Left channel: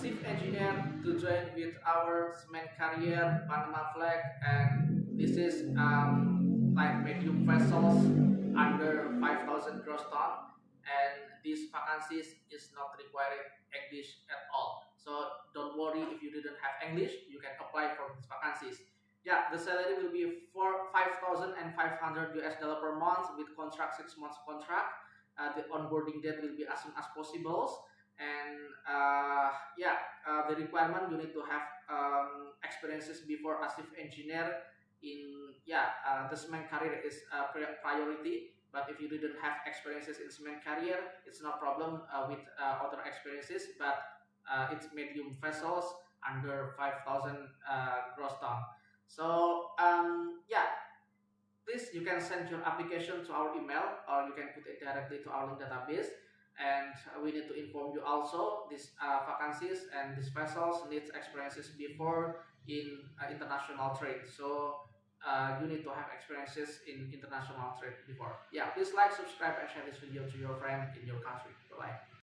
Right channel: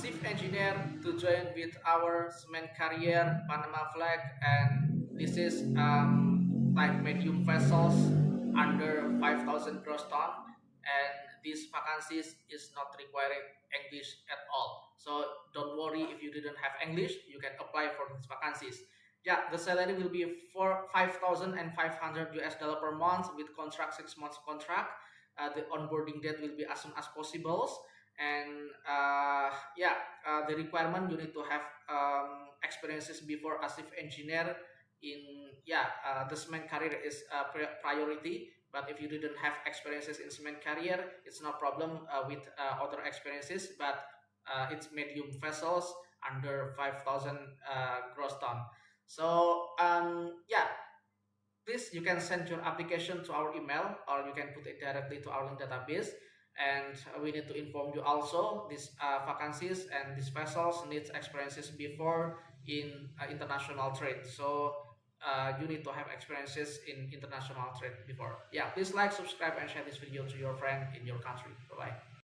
chief engineer to join with our cement carrier, Panama flag, and this is like medium vessels under 5,000 gross ton, and these vacancies is not required English at all. So don't worry if you didn't have English, you can apply for these vacancies. Yeah, the salary will be for 5,500 US dollar per month with contract 6 months contract. The onboarding date will be as soon as possible, and the requirement you need to have experiences before as chief engineer in the cement career is a priority. But if you didn't have experiences in cement career, it's no problem with other experiences, but it's medium vessels under 5,000 gross ton. So please you can send your application to our email, or you can put it directly to our link database. And we need to inform you also these vacancies and these vessels needs experiences before in international trade. So you need to have experiences in international trade before. Yeah, please like, subscribe, and share this video to your friend in your country. Bye bye.